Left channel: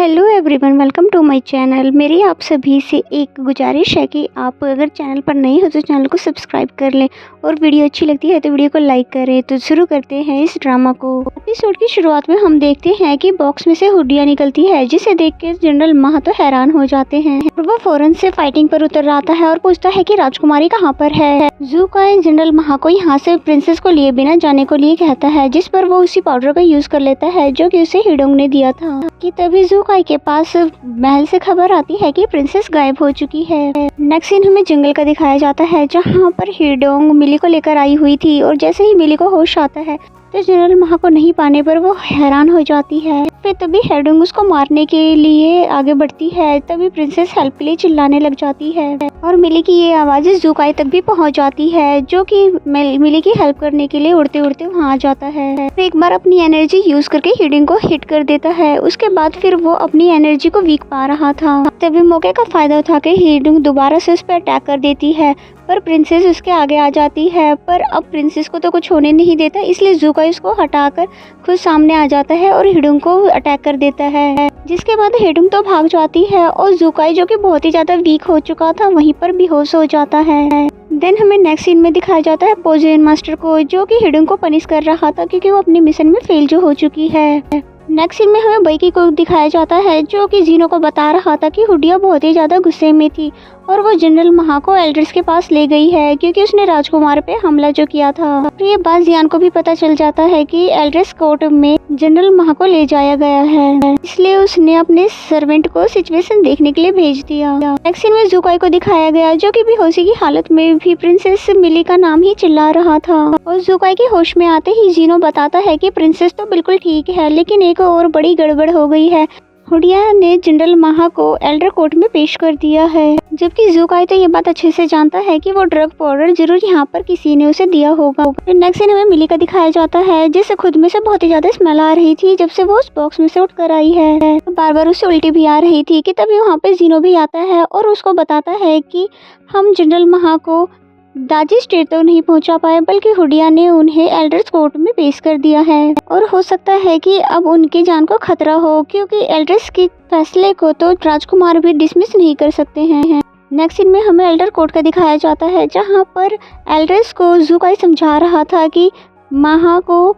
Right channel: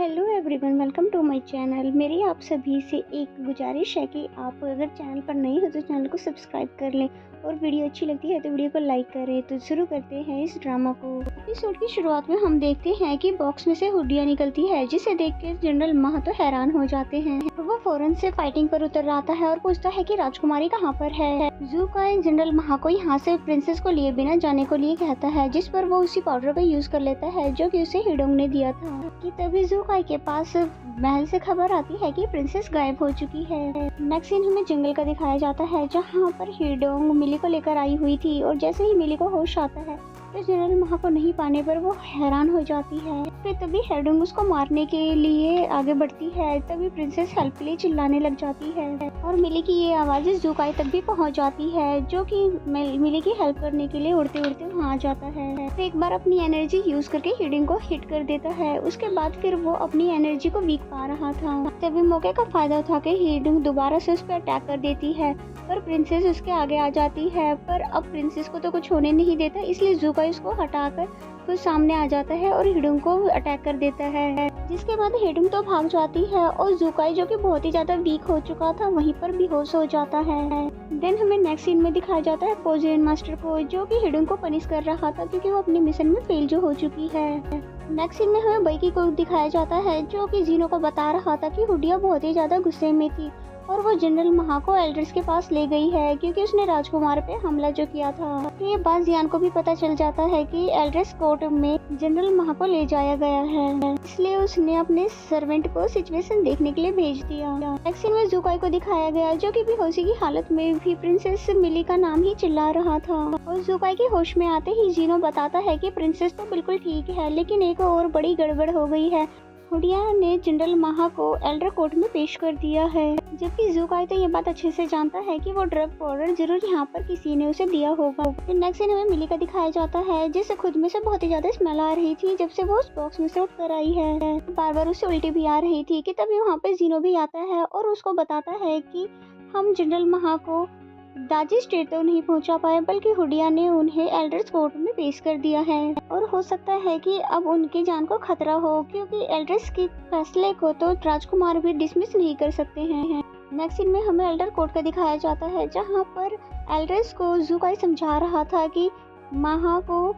Hello everyone, welcome to my channel. मेरी आप सभी से एक गुजारिश है कि आप अगर चैनल पर नए हो तो चैनल को सब्सक्राइब कर लें और वीडियो अच्छी लगती है तो वीडियो को लाइक करें। तो शुरू करते हैं इस ड्रामा को। एपिसोड की शुरुआत में हम देखते हैं कि बॉक्स में से हुडिया निकलती है, जिसे देख के जनरल महा तो हैरान हो जाते हैं और वो फौरन से फाइटिंग पर उतर आता है और पूछता है कि राजकुमारी कहाँ पर है। ज़ूकाई जनरल महा को यहाँ से प्रिंसेस को लिए बिना जाने को लिए कहता है, जिस पर वो उसी पाउडर का यूज कर लेता है जो कि उसे हिडोंग ने दिया था। कि तभी ज़ूकाई के पास महल से खबर आती है कि प्रिंसेस गायब हो चुकी है। नेक्स्ट सीन हमें जंगल का दिखाया जाता है, जहाँ पर हिडोंग मिली को लेकर आई हुई थी और जैसे ही मिली को होश आता है तो जनरल महा को नहीं पाने पर वो हैरान हो जाती है। फिर तभी हिडोंग उसको मारने के लिए आगे बढ़ती है। तभी प्रिंसेस हेल्प के लिए चिल्लाने लग जाती है और मिली की ये आवाज़ें ज़ूकाई तक भी पहुंच जाती है, जो कि मिली की हेल्प करने के लिए उड़ते उड़ते वहाँ आ जाता है। फिर एक बार अपनी एनर्जी यूज करके हिडोंग को हिट कर देता है। उसके बाद फिर वो अपनी एनर्जी को वीक पा रहा था। तभी मौके का फायदा उठा के हिडोंग दोबारा से उस पर अटैक कर देती है, पर प्रिंसेस उसके आगे आ जाती है। पर अब प्रिंसेस को तो कुछ होने नहीं देता, इसलिए ज़ूकाई उसको हटाकर खुद सामने आ जाता है और हिडोंग को अटैक कर देता है। जिसके बाद हिडोंग तो भाग जाती है और ज़ूकाई, जो कि बहुत ही ज्यादा वीक हो चुका था, वहीं पर बेहोश हो जाता है। देन हमें नेक्स्ट सीन में दिखाया जाता है पोजेन मास्टर को, जो कि हिडोंग को पनिश कर रहा था क्योंकि वो अपने मिशन में फेल जो हो चुकी है। नेक्स्ट सीन में हमें बैकी को दिखाया जाता है, जो कि जीनो को बता रहा था कि हुडिया बहुत ही ज्यादा गुस्से में थी और वो जनरल महा को एल्ड्रेस के पास ले गई है क्योंकि उसने राजकुमार पे हमला जो किया था। और ये बात जियान को भी पता चल जाता है कि एल्ड्रेस कोर्ट में जनरल महा को ले जाया गया है, इसलिए उसने अपने सर्वेंट को सिचुएशन देखने के लिए भेज दिया। नेक्स्ट सीन में ज़ूकाई को दिखाया गया, जो कि बेहोशी की हालत में भी प्रिंसेस मिली का नाम ही चिल्ला रहा था। और ज़ूकाई के होश में आते ही जीनो बताता है कि प्रिंसेस तो बिल्कुल ठीक है, लेकिन एक और बड़ी गड़बड़ हो गई है। हुडिया ने जनरल महा को एल्डर कोर्ट में पेश कर दिया है, जबकि ज़ूकाई तो ये बात अच्छे से जानता है कि वो ड्रग पाउडर जरूर यहाँ पर किसी ने उसे दिया होगा। फिर नेक्स्ट सीन हमें मिली का दिखाया जाता है, जिसे खुद में से बहुत ही ज्यादा स्मेल आ रही थी जब से वो उस बॉक्स में से उठकर आई है। बार बार उसे उल्टी भी आ रही थी कि तभी वहाँ पे जीनो भी आता है और उसको बताता है कि हम जनरल महा को दाजी स्टेट तो नहीं पहुंचा पाए, बल्कि हुडिया ने उन्हें एल्डर्स कोर्ट में पेश कर दिया है और हो सकता है कि अब उनकी जान को खतरा हो, क्योंकि एल्डर्स के फैसले को तो राजकुमार भी डिसमिस नहीं कर सकते हैं। नेक्स्ट सीन में हमें एल्डर कोर्ट का दिखाया जाता है, जहां पर एल्डर्स को ज़ूकाई समझा रहा था कि महा को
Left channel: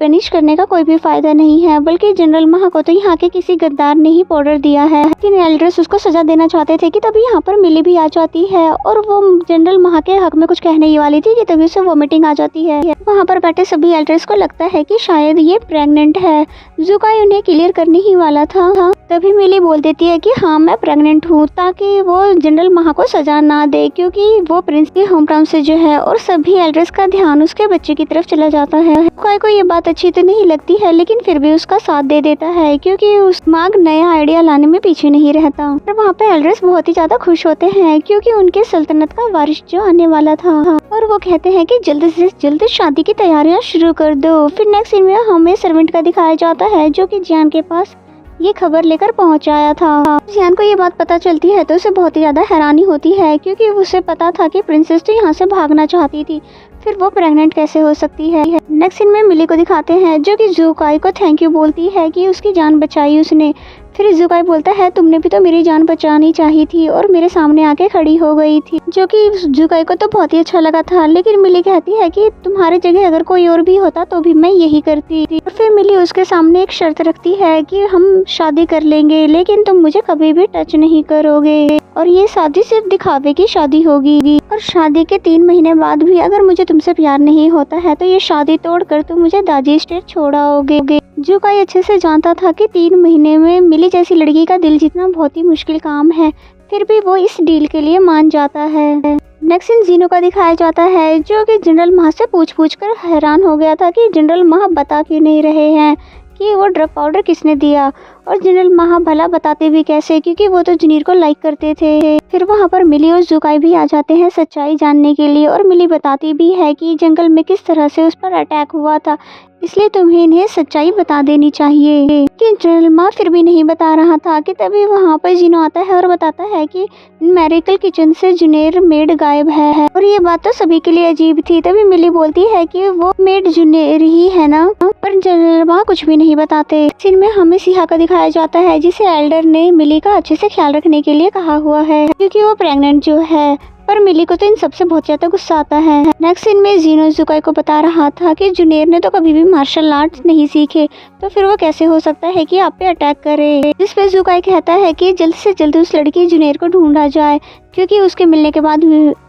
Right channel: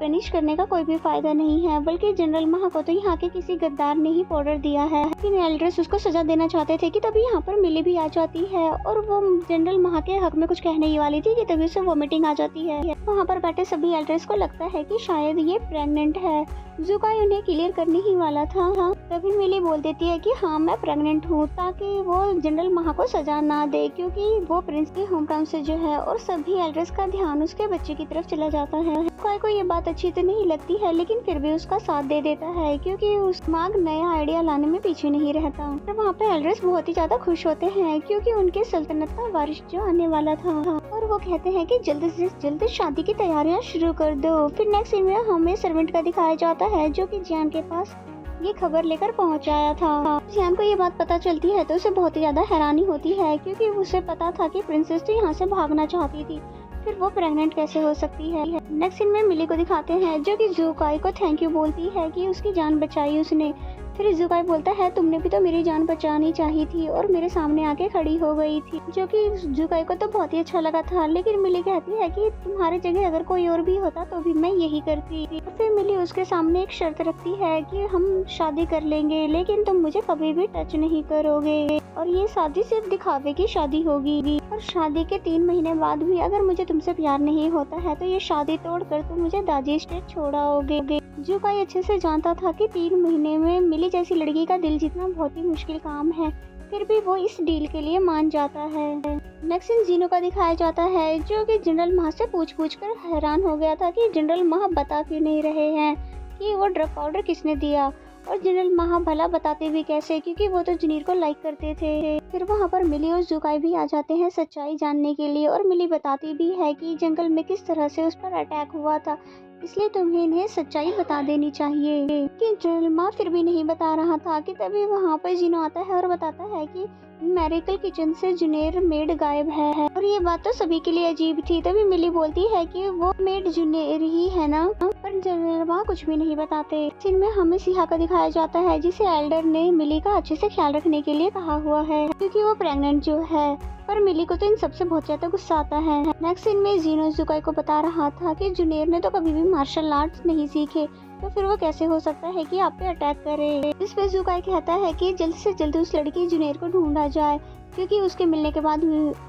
पनिश करने का कोई भी फायदा नहीं है, बल्कि जनरल महा को तो यहाँ के किसी गद्दार ने ही पाउडर दिया है। लेकिन एल्डर्स उसको सजा देना चाहते थे कि तभी यहाँ पर मिली भी आ जाती है और वो जनरल महा के हक में कुछ कहने ही वाली थी कि तभी उसे वोमिटिंग आ जाती है। वहाँ पर बैठे सभी एल्डर्स को लगता है कि शायद ये प्रेग्नेंट है। ज़ूकाई उन्हें क्लियर करने ही वाला था, तभी मिली बोल देती है कि हाँ मैं प्रेग्नेंट हूँ, ताकि वो जनरल महा को सजा ना दे, क्योंकि वो प्रिंस के होम टाउन से जो है। और सभी एल्डर्स का ध्यान उसके बच्चे की तरफ चला जाता है। ज़ूकाई को ये बात अच्छी तो नहीं लगती है, लेकिन फिर भी उसका साथ दे देता है, क्योंकि उस माग नया आइडिया लाने में पीछे नहीं रहता। और वहाँ पे एल्डर्स बहुत ही ज्यादा खुश होते हैं, क्योंकि उनके सल्तनत का वारिस जो आने वाला था, और वो कहते हैं कि जल्द से जल्द शादी की तैयारियां शुरू कर दो। फिर नेक्स्ट सीन में हमें सर्वेंट का दिखाया जाता है, जो कि जियान के पास ये खबर लेकर पहुंचाया था। जियान को ये बात पता चलती है तो उसे बहुत ही ज्यादा हैरानी होती है, क्योंकि उसे पता था कि प्रिंसेस तो यहाँ से भागना चाहती थी, फिर वो प्रेग्नेंट कैसे हो सकती है। नेक्स्ट सीन में मिली को दिखाते हैं, जो कि ज़ूकाई को थैंक यू बोलती है कि उसकी जान बचाई उसने। फिर ज़ूकाई बोलता है तुमने भी तो मेरी जान बचानी चाहिए थी और मेरे सामने आके खड़ी हो गई थी, जो कि ज़ूकाई को तो बहुत ही अच्छा लगा था। लेकिन मिली कहती है कि तुम्हारी जगह अगर कोई और भी होता तो भी मैं यही करती। और फिर मिली उसके सामने एक शर्त रखती है कि हम शादी कर लेंगे, लेकिन तुम मुझे कभी भी टच नहीं करोगे, और ये शादी सिर्फ दिखावे की शादी होगी। और शादी के 3 महीने बाद भी अगर मुझे तुमसे प्यार नहीं होता है तो ये शादी तोड़कर तुम मुझे दाजी स्टेट छोड़ाओगे। ज़ूकाई अच्छे से जानता था कि 3 महीने में मिली जैसी लड़की का दिल जीतना बहुत ही मुश्किल काम है, फिर भी वो इस डील के लिए मान जाता है। नेक्स्ट सीन जीनो का दिखाया जाता है, जो कि जनरल महा से पूछ कर हैरान हो गया था कि जनरल महा बता क्यों नहीं रहे हैं कि वो ड्रग पाउडर किसने दिया। और जनरल महा भला बताते भी कैसे, क्योंकि वो तो जनीर को लाइक करते थे। फिर वहाँ पर मिली और ज़ूकाई भी आ जाते हैं सच्चाई जानने के लिए, और मिली बताती भी है कि जंगल में किस तरह से उस पर अटैक हुआ था। इसलिए तुम्हें इन्हें सच्चाई बता देनी चाहिए। कि जनरल मा फिर भी नहीं बता रहा था कि तभी वहाँ पर जिनो आता है और बताता है कि मेडिकल किचन से जुनेर मेड गायब है। और ये बात तो सभी के लिए अजीब थी। तभी मिली बोलती है कि वो मेड जुनेर ही है ना, पर जनरल मा कुछ भी नहीं बताते। सीन में हमें सिहा का दिखाया जाता है जिसे एल्डर ने मिली का अच्छे से ख्याल रखने के लिए कहा हुआ है, क्योंकि वो प्रेग्नेंट जो है। पर मिली को तो इन सबसे बहुत ज्यादा गुस्सा आता है। नेक्स्ट सीन में जीनो जुकाई को बता रहा था कि जुनेर ने तो कभी भी मार्शल आर्ट्स नहीं सीखे, तो फिर वो कैसे हो सकता है कि आप पे अटैक करे। जिस पे जुकाई कहता है कि जल्द से जल्द उस लड़की जुनेर को ढूंढा जाए, क्योंकि उसके मिलने के बाद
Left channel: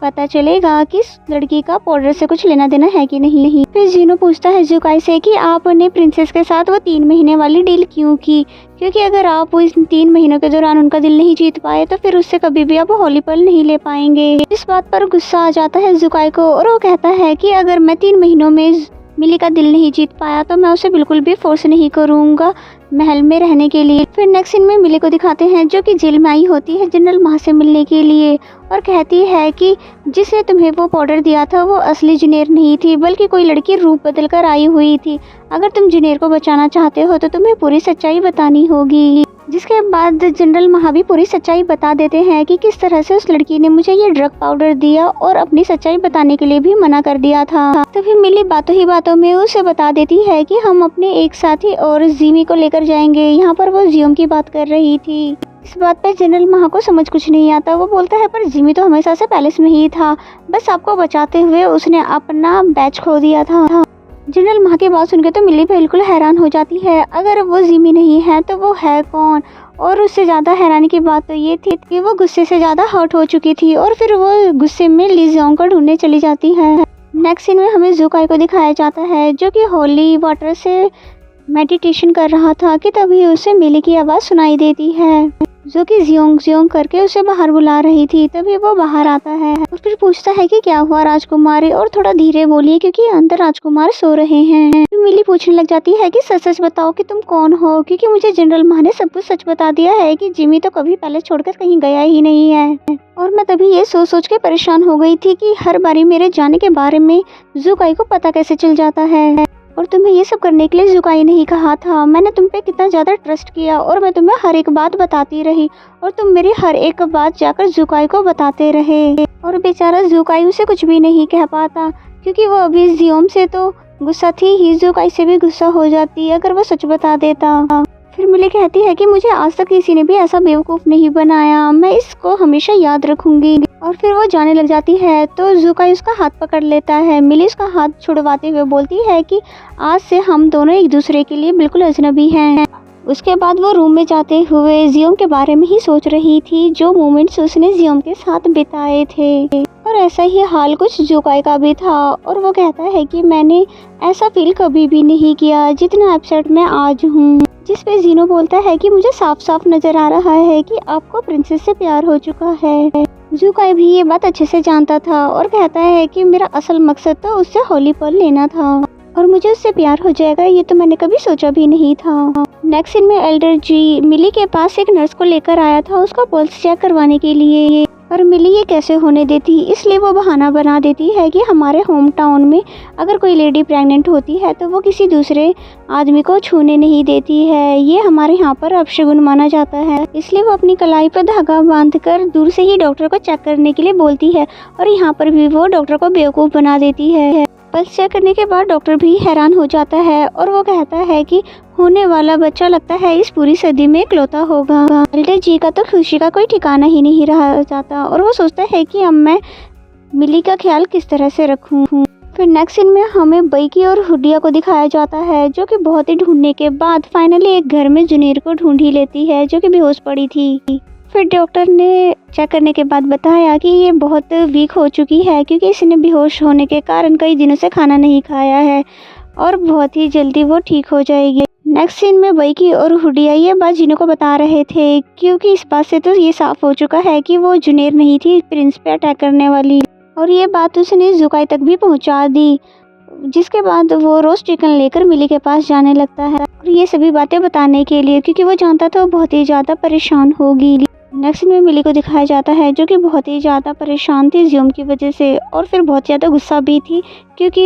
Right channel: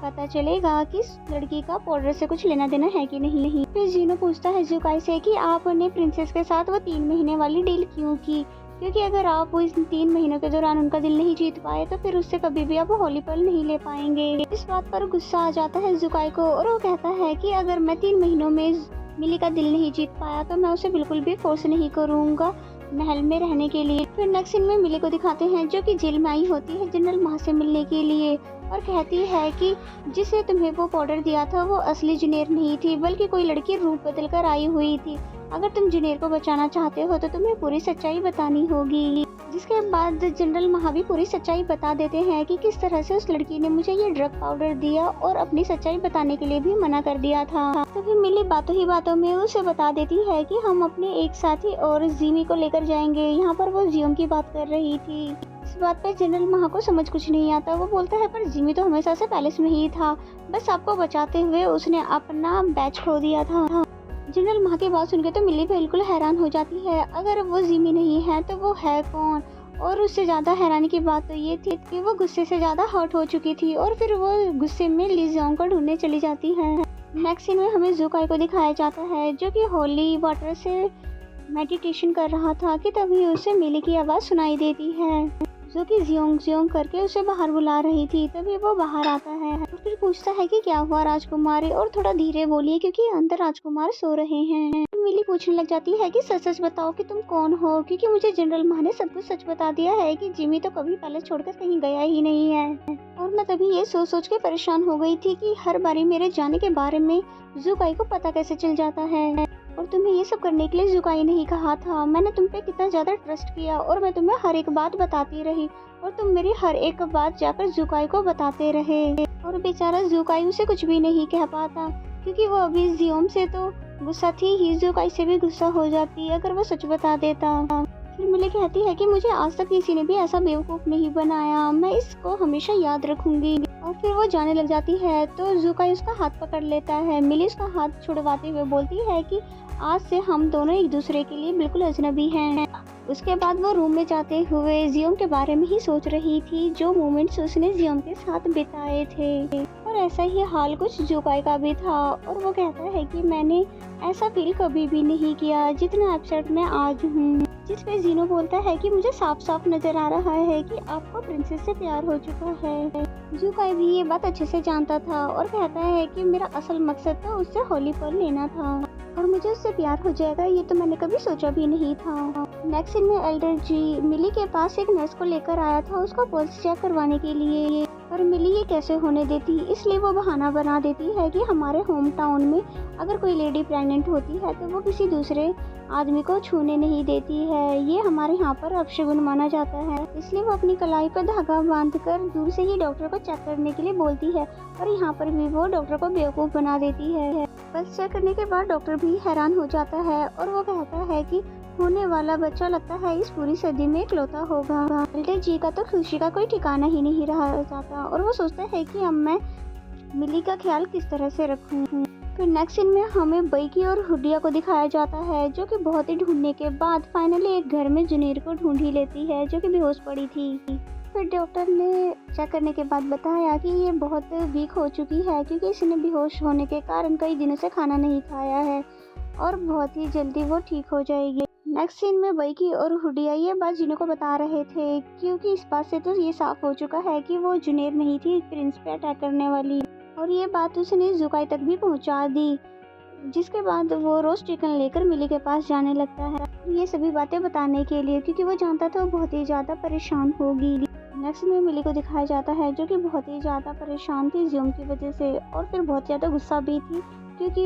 पता चलेगा कि इस लड़की का पाउडर से कुछ लेना देना है कि नहीं। फिर जीनो पूछता है जुकाई से कि आपने प्रिंसेस के साथ वो 3 महीने वाली डील क्यों की, क्योंकि अगर आप इस 3 महीनों के दौरान उनका दिल नहीं जीत पाए तो फिर उससे कभी भी आप होली पल नहीं ले पाएंगे। इस बात पर गुस्सा आ जाता है जुकाई को और वो कहता है कि अगर मैं 3 महीनों में मिली का दिल नहीं जीत पाया तो मैं उसे बिल्कुल भी फोर्स नहीं करूंगा महल में रहने के लिए। फिर नेक्स्ट सीन में मिली को दिखाते हैं जो कि जेल में आई होती है जनरल मा से मिलने के लिए और कहती है कि जिसने तुम्हें वो पाउडर दिया था वो असली जुनेर नहीं थी, बल्कि कोई लड़की रूप बदल कर आई हुई थी। अगर तुम जुनेर को बचाना चाहते हो तो तुम्हें पूरी सच्चाई बतानी होगी। जिसके बाद जनरल मा भी पूरी सच्चाई बता देते हैं कि किस तरह से उस लड़की ने मुझे ये ड्रग पाउडर दिया और अपनी सच्चाई बताने के लिए भी मना कर दिया था। तो फिर मिली बातों ही बातों में उसे बता देती है कि हम अपने एक साथी और जिमी को लेकर जाएंगे। यहाँ पर वो जियोम की बात कर रही थी। इस बात पे जनरल मा को समझ कुछ नहीं आता। वो बोलता है पर जिमी तो हमेशा से पैलेस में ही था, बस आपको बचाते हुए उसने अपना बैच खो दिया था। जनरल मा की बात सुनकर तो मिली बिल्कुल हैरान हो जाती है। अगर वो जिमी नहीं है तो वो है कौन। और उससे ज़्यादा हैरानी की बात तो ये थी कि वो गुस्से से ज़्यादा हर्ट हो चुकी थी और फिर वो गुस्से में ली जियोंग को ढूंढने चली जाती है। नेक्स्ट सीन में हमें जुकाई को दिखाया जाता है जो कि होली वाटर से मेडिटेशन कर रहा था कि तभी उसे मिली की आवाज़ सुनाई देती है जो कि जियोंग जियोंग करके उसे बाहर बुला रही थी। तभी वो बाहर आता है और फिर पूछता है कि क्या हुआ राजकुमारी, और थोड़ा धीरे बोलिए क्योंकि अंदर राजकुमार सो रहे हैं। मिली पूछने लग जाती है कि सच सच बताओ कि तुम कौन हो, क्योंकि मुझे जनरल मा ने सब कुछ सच बता दिया है कि जिमी तो कभी पैलेस छोड़कर कहीं गया ही नहीं है। और मैं तभी ये सोच सोच के परेशान हो गई थी कि हर बारी मेरे जाने के बारे में जुकाई को पता कैसे चल जाता है। और तुम्हें ये सब करने के लिए जुकाई नहीं कहा था। मैंने तुम पे कितना ज़्यादा ट्रस्ट किया और मैं तुम्हें हर एक बात बताती रही और तुम मेरी हर एक बात जाकर जुकाई को बताते रहे। और बेचारा जुकाई उसे कुछ भी नहीं कह पाता क्योंकि वो अभी जियोम से तो गुस्सा थी ही, जुकाई से भी गुस्सा हो जाती अगर वो सच बता देता। फिर मिली कहती है कि मुझे आज तक किसी ने भी ऐसा बेवकूफ़ नहीं बनाया, मैं इसको हमेशा याद रखूंगी। और फिर वो जाने लग जाती है तो जुकाई उसका हाथ पकड़ लेता है। मिली उसका हाथ छुड़वाते हुए बोलती है कि आज से हम दोनों एक दूसरे के लिए बिल्कुल अजनबी हैं। उसके बाद वो रूम में जाते हुए जियोम के बारे में ही सोच रही थी, जो मोमेंट्स उसने जियोम के साथ बिताए थे। और ऐसा ही हाल कुछ जुकाई का भी था और वो कहता है कि मैंने ऐसा फील कभी भी नहीं किया जितना अपसेट मैं आज हूँ। जिस पे जीनो बोलता है कि मुझे साफ साफ नजर आ रहा है कि आपको प्रिंसेस से प्यार हो चुका है। जुकाई भी ये बात अच्छे से जानता था और कहता है कि मेरा असल मकसद तो उससे होली पल लेना था और मुझे उससे प्यार हो जाएगा ये तो मैंने कभी सोचा भी नहीं था। नेक्स्ट सीन में एल्डर जी मिली के पास एक नर्स को लेकर आया था उसका पल्स चेक करवाने के लिए। पर मिली ये कैसे होने देती, इसलिए वो बहाना बना देती है कि हमारे होम टाउन में अगर कोई लेडी प्रेग्नेंट होती है तो वो किसी दूसरे आदमी को छूने नहीं देती है, ये हमारे यहाँ पर अपशगुन माना जाता है। इसलिए वो अपनी कलाई पर धागा बांधकर दूर से ही डॉक्टर को चेक करने के लिए बोलती है और यहाँ पर भी वो डॉक्टर को बेवकूफ़ बना देती है। पल्स चेक करने के बाद डॉक्टर भी हैरान हो जाता है और वो कहता है कि होने वाला बच्चा लगता है इस पूरी सदी में इकलौता होगा। एल्डर जी का तो खुशी का कोई ठिकाना ही नहीं रह जाता और वो सोचता है कि अब मैं मिली का ख्याल किस तरह से रखूं। फिर नेक्स्ट सीन में हमें बैकी और हुडिया को दिखाया जाता है जो कि बहुत ही ढूंढने के बाद फाइनली एक घर में जुनेर को ढूंढ ही लेती है जो कि बेहोश पड़ी थी। फिर डॉक्टर ने चेक करने के बाद बताया कि ये बहुत वीक हो चुकी है क्योंकि इसने बेहोश होने के कारण कई दिनों से खाना नहीं खाया है और बहुत ही जल्दी वो ठीक हो जाएगी। नेक्स्ट सीन में बैकी और हुडिया ये बात जिनो को बता रहे थे क्योंकि इस बात से तो ये साफ हो चुका है कि वो जुनेर नहीं थी प्रिंस पे अटैक करने वाली और ये बात उसने जुकाई तक भी पहुंचा दी। जिसके बाद वो रोस्ट चिकन लेकर मिली के पास जाने लगता है और ये सभी बातें बताने के लिए क्योंकि वो जानता था वो बहुत ही ज़्यादा परेशान होगी। नेक्स्ट में मिली को दिखाया जाता है जो कि बहुत ही ज़्यादा परेशान थी जियोम की वजह से, और फिर बहुत ज़्यादा गुस्सा भी थी क्योंकि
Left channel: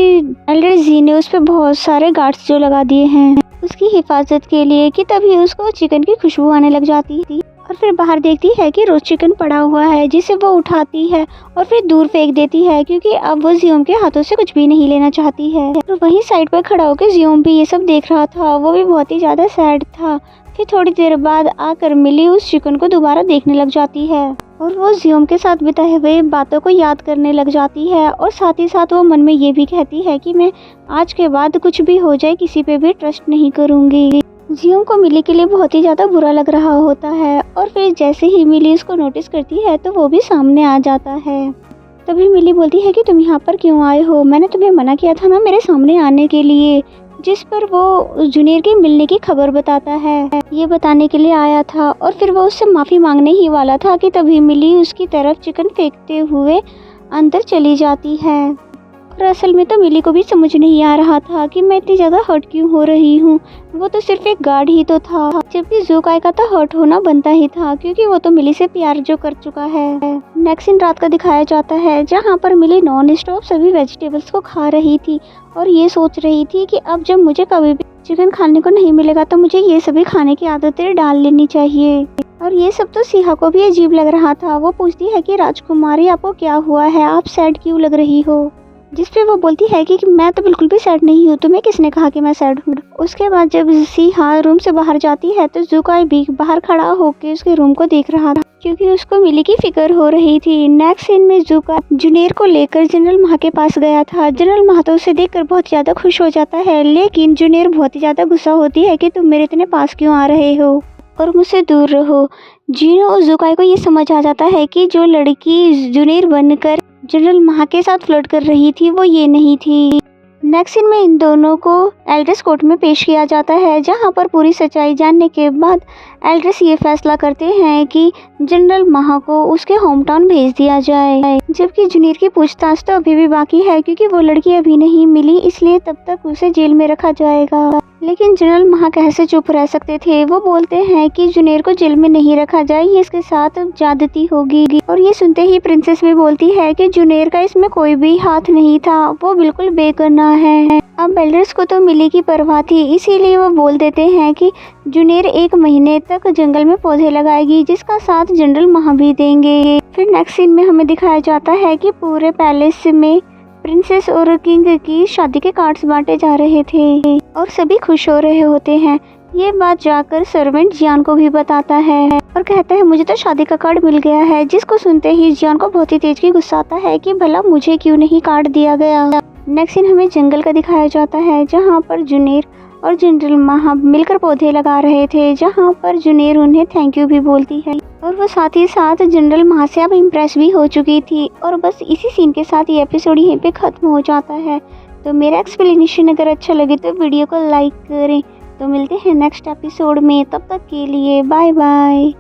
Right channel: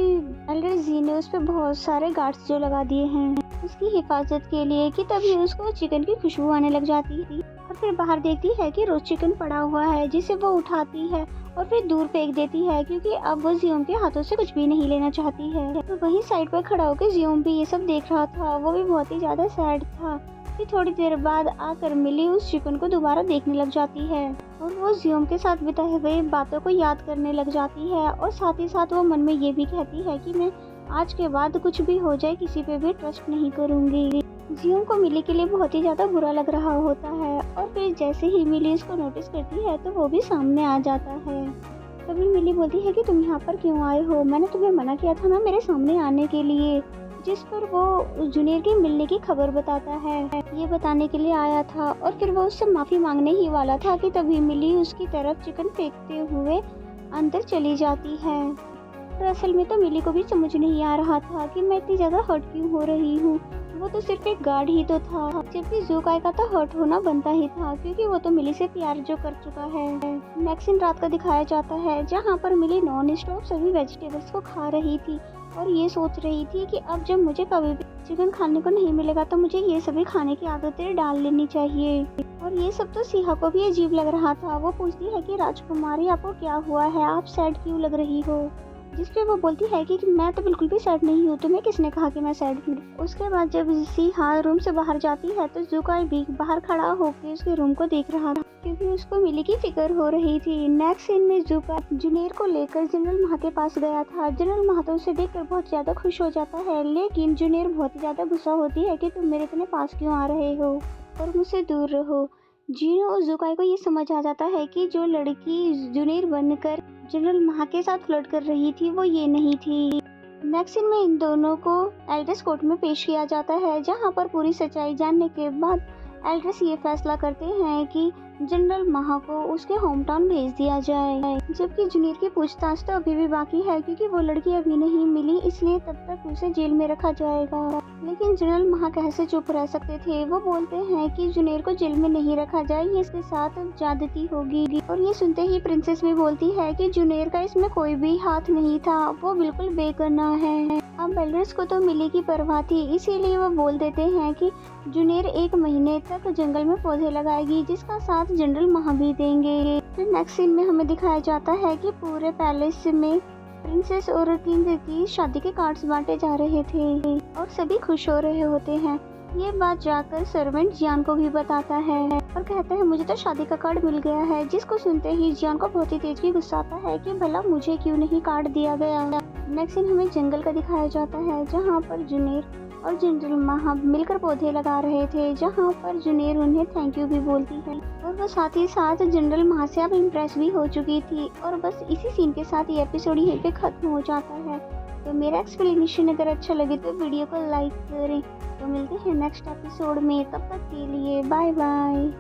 एल्डर जी ने उस पर बहुत सारे गार्ड्स जो लगा दिए हैं उसकी हिफाजत के लिए, कि तभी उसको चिकन की खुशबू आने लग जाती थी। और फिर बाहर देखती है कि रोस्ट चिकन पड़ा हुआ है जिसे वो उठाती है और फिर दूर फेंक देती है क्योंकि अब वो जियोम के हाथों से कुछ भी नहीं लेना चाहती है। और वहीं साइड पर खड़ा होकर जियोम भी ये सब देख रहा था, वो भी बहुत ही ज़्यादा सैड था। फिर थोड़ी देर बाद आकर मिली उस चिकन को दोबारा देखने लग जाती है और वो जियोम के साथ बिताए हुए बातों को याद करने लग जाती है, और साथ ही साथ वो मन में ये भी कहती है कि मैं आज के बाद कुछ भी हो जाए किसी पे भी ट्रस्ट नहीं करूँगी। जियोम को मिली के लिए बहुत ही ज़्यादा बुरा लग रहा होता है, और फिर जैसे ही मिली उसको नोटिस करती है तो वो भी सामने आ जाता है। तभी मिली बोलती है कि तुम यहाँ पर क्यों आए हो, मैंने तुम्हें मना किया था ना मेरे सामने आने के लिए। जिस पर वो जूनियर के मिलने की खबर बताता है, ये बताने के लिए आया था, और फिर वो उससे माफ़ी मांगने ही वाला था कि तभी मिली उसकी तरफ चिकन फेंकते हुए अंदर चली जाती है। और असल में तो मिली को भी समझ नहीं आ रहा था कि मैं इतनी ज़्यादा हर्ट क्यों हो रही हूँ, वो तो सिर्फ एक गार्ड ही तो था, जबकि ज़ुकाई का तो हर्ट होना बनता ही था क्योंकि वो तो मिली से प्यार जो कर चुका है। नेक्स्ट सीन रात का दिखाया जाता है जहाँ पर मिली नॉन स्टॉप सभी वेजिटेबल्स को खा रही थी और ये सोच रही थी कि अब जब मुझे कभी भी चिकन खाने को नहीं मिलेगा तो मुझे ये सभी खाने की आदतें डाल लेनी चाहिए। और ये सब तो सिहा को भी अजीब लग रहा था। वो पूछती है कि राजकुमारी आपको क्या हुआ है, आप सैड क्यों लग रही हो, जिस पे वो बोलती है कि मैं तो बिल्कुल भी सैड नहीं हूँ, तुम्हें किसने कहा कि मैं सैड हूँ। उसके बाद जब सिहा रूम से बाहर जाती है तो ज़ुकाई भी बाहर खड़ा होकर उसके रूम को देख रहा था क्योंकि उसको मिली की फिक्र हो रही थी। नेक्स्ट सीन में ज़ुकाई जूनियर को लेकर जनरल माह के पास गया था। जनरल माह तो उसे देखकर बहुत ज़्यादा खुश हो जाता है, लेकिन जूनियर बहुत ही ज़्यादा गुस्सा होती है कि तुम मेरे इतने पास क्यों आ रहे हो और मुझसे दूर रहो। जीनो और ज़ुकाई को ये समझ आ जाता है कि जो लड़की जूनियर बनकर जनरल माह के साथ फ्लर्ट कर रही थी वो ये नहीं थी। नेक्स्ट सीन में इन दोनों को एल्ड्रेस कोर्ट में पेश किया जाता है जहां पर पूरी सच्चाई जानने के बाद एल्ड्रेस ये फैसला करते हैं कि जनरल माह को उसके होम टाउन भेज दिया जाए, जबकि जूनियर की पूछताछ तो अभी भी बाकी है क्योंकि वो लड़की अभी नहीं मिली, इसलिए तब तक उसे जेल में रखा जाएगा। लेकिन जनरल माह कैसे चुप रह सकते थे। वो बोलते हैं कि जूनियर को जेल में नहीं रखा जाए, ये इसके साथ ज्यादती होगी। और ये सुनते ही प्रिंसेस भी बोलती है कि जूनियर का इसमें कोई भी हाथ नहीं था, वो बिल्कुल बेगुनाह है। अब एल्डर्स को तो मिली की परवाह थी, इसीलिए वो बोल देते हैं कि जूनियर 1 महीने तक जंगल में पौधे लगाएगी जिसका साथ जनरल माह भी देंगे। फिर नेक्स्ट सीन में हमें दिखाया जाता है कि पूरे पैलेस में प्रिंसेस और किंग की शादी के कार्ड्स बांटे जा रहे थे और सभी खुश हो रहे होते हैं। ये बात जाकर सर्वेंट जियान को भी बताता है और कहता है मुझे तो शादी का कार्ड मिल गया है, जिसको सुनते ही जियान को बहुत ही तेज की गुस्सा आता है कि भला मुझे क्यों नहीं कार्ड दिया गया। नेक्स्ट सीन हमें जंगल का दिखाया जाता है जहाँ पर जूनियर और जनरल माह मिलकर पौधे लगा रहे थे, जहाँ पर जूनियर उन्हें थैंक यू भी बोलती है और वो साथ ही साथ जनरल माह से अब इम्प्रेस भी हो चुकी थी। और बस इसी सीन के साथ ये एपिसोड यहीं पे ख़त्म हो जाता है। तो मेरा एक्सप्लेनेशन अगर अच्छा लगे तो वीडियो को लाइक करें। तो मिलते हैं नेक्स्ट एपिसोड में, तब तक के लिए बाय बाय।